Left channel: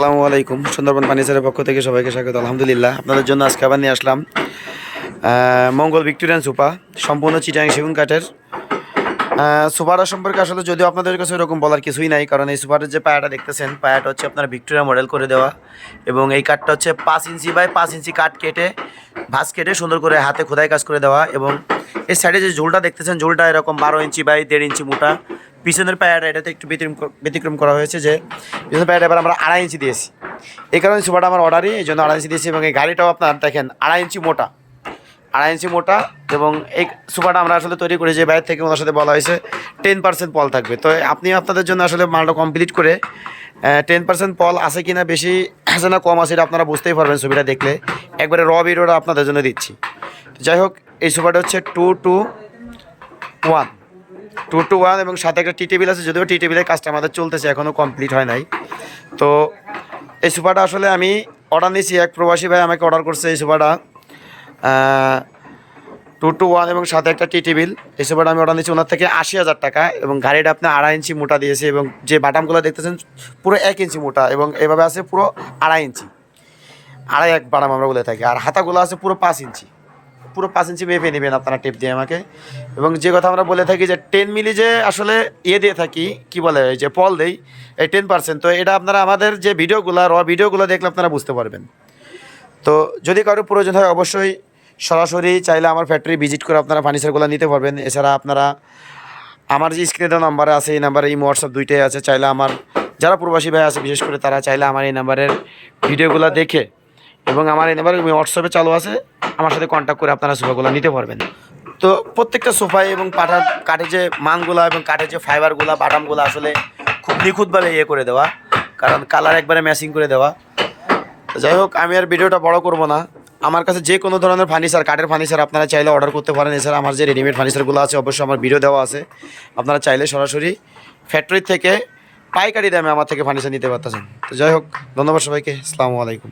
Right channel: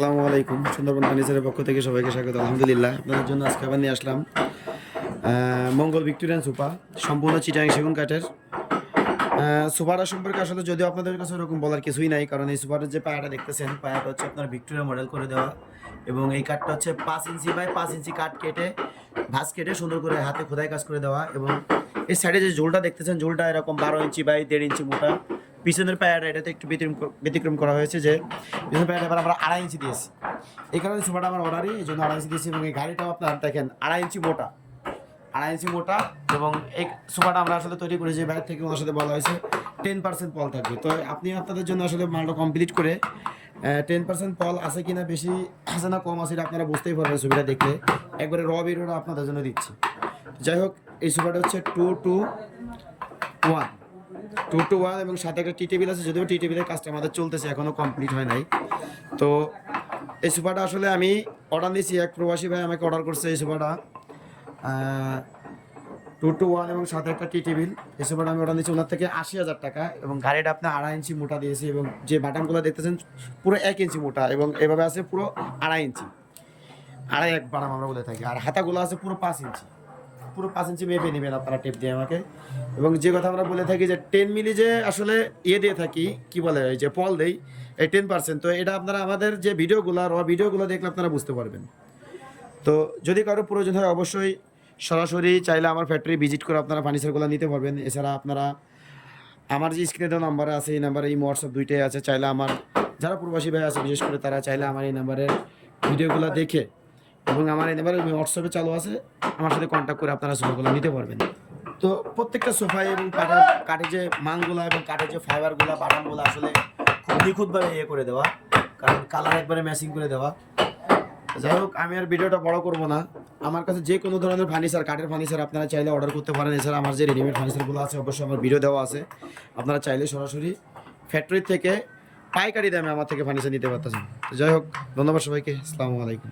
আসসালামু আলাইকুম, সুন্দরবন ফার্নিচারের পক্ষ থেকে সবাইকে স্বাগত। আলহামদুলিল্লাহ, আপনাদের জন্য আজকে আবার নিয়ে আসলাম মঙ্গল ভিক্টোরিয়ান সোফা সম্পূর্ণ চিটাং সেগুন কাঠের। সোফাটা সম্পর্কে আসলে যদিও আপনাদের কাছে এরকম বলার কিছুই নাই, কারণ এই সোফাটার যে পায়াটা দেখতেছেন, পায়াটা হচ্ছে আপনার ভিক্টোরিয়া মডেল করে দেওয়া, এবং এই কাঠটা হচ্ছে পাঁচ ইঞ্চি বাই পাঁচ ইঞ্চি কাঠ কেটে, ভাঁজ কেটে সুন্দর করে হাতে খোদাই কাজ করে দেওয়া, এবং এই সাইডে যে ঝোলটা দেখতেছেন, ঝোলটা এরকম বারো ইঞ্চি বাই দেড় ইঞ্চি মোটা পিছনের পায়াটা এটাতে একটু ব্যতিক্রম ব্যতিক্রম করা হয়েছে যে পিছনের পায়াটা এবার আমরা আড়াই ইঞ্চি দিয়েছি। এই কারণে সোফাটা আমার অর্ডারই এই জন্য আড়াই ইঞ্চি দিয়েছি এবং এই গাড়িটাও আপনার দেখেন আড়াই ইঞ্চি মোটা। আড়াই ইঞ্চি মোটা এবং এই সোফাটা আমরা আসলে তৈরি করি যে বাইরে থেকে ওনার সাথে বলা হয়েছে টেন পার্সেন্ট পল থাকবে। তো আপনি আপনাদের জন্য আসলে মালটা কমপ্লিট করে টেন পার্সেন্ট পল আছে কিনা বেশি আছে না কম আছে এটা আপনারা বুঝতেই পারবেন ছবিটা দেখলে। একবারে র ভিডিওটা আপনাদের জন্য দিচ্ছি। যাই হোক, এই সোফাটা হচ্ছে two two one two two one এবং সাথে একটা টি টেবিল আছে, যদিও টি টেবিলের কাজটা আমাদের চলতেছে এখনও কমপ্লিট হয় নাই। তো এই সোফাটা আসলে আমি অর্ডার নিয়েছি, এক প্রবাসী ভাই আমাকে অর্ডার করছে এই সোফাটা। টু টু ওয়ান এবং সাথে একটা টি টেবিল, এই সোফাটা আমি অর্ডার নিয়েছি ওনার থেকে আশি হাজার টাকা এবং গাড়িটা আপনি আড়াই ইঞ্চি মোটা দিয়েছে এবং যে বাটামগুলো দেখতেছেন পুরো এক ইঞ্চি মোটা এবং এভাবে আছে পুরো আড়াই ইঞ্চি। আড়াই এক বাটাম আমরা বলে থাকি, আর হাতাগুলো আছে পুরো পাঁচ ইঞ্চি। পুরো পাঁচ ইঞ্চি মেপে নেবেন আপনারা টেপ দিয়ে আমাকে। এবং যে কথা আমরা বলে থাকি যে টেন মিলি যে আসলে ইয়ে দিয়ে থাকি, কি বলে যে পল দেই, এই টেন পার্সেন্ট তো এটা আপনারা আমাদের যে ভিডিওগুলো র ভিডিওগুলো দেখলে আপনারা বুঝতে পারবেন। তো যদি কারও প্রয়োজন হয় অবশ্যই সরাসরি চাইলে আমার ফ্যাক্টরি ভিজিট করে আপনারা ফার্নিচারগুলো নিতে পারবেন। এছাড়া আপনারা, আমার যে স্ক্রিনে দেওয়া নাম্বার আছে, এই নাম্বারে এই হোয়াটসঅ্যাপ দুইটাই আছে। চাইলে আমার, যারা প্রবাসী ভাই আছে, বিশেষ করে তারা চাইলে আমার এই নাম্বারের ভিডিওগুলো দেখে এবং আমার এই নাম্বারে হোয়াটসঅ্যাপে চালু আছে। আমার সাথে কন্ট্যাক্ট করে আপনারা সোফাগুলো নিতে পারবেন। তো প্রত্যেকটা সোফায় এবং পাঠার কাঠের যে মানগুলা এবং কাঠের যে ফাইবারগুলা বাটামগুলো আসলে খুব নিখুঁতভাবে ইয়ে করে দেওয়া। কারণ কালার একবারে ম্যাচিং করে দেওয়া। যাই হোক, আমি আর ভিডিওটা বড় করব না। আমার কাছে যে কোনো ধরনের ফার্নিচার কাঠের ফার্নিচার আপনারা চাইলে অর্ডার করতে পারেন। এছাড়া আমার যে রেডিমেড ফার্নিচারগুলো আছে, অবশ্যই আমার ভিডিও দেওয়া আছে। আপনারা চাইলে সরাসরি ফ্যাক্টরি থেকে পাইকারি দামে আমার থেকে ফার্নিচার নিতে পারতেছেন। তো যাই হোক, ধন্যবাদ সবাইকে। আসসালামু আলাইকুম।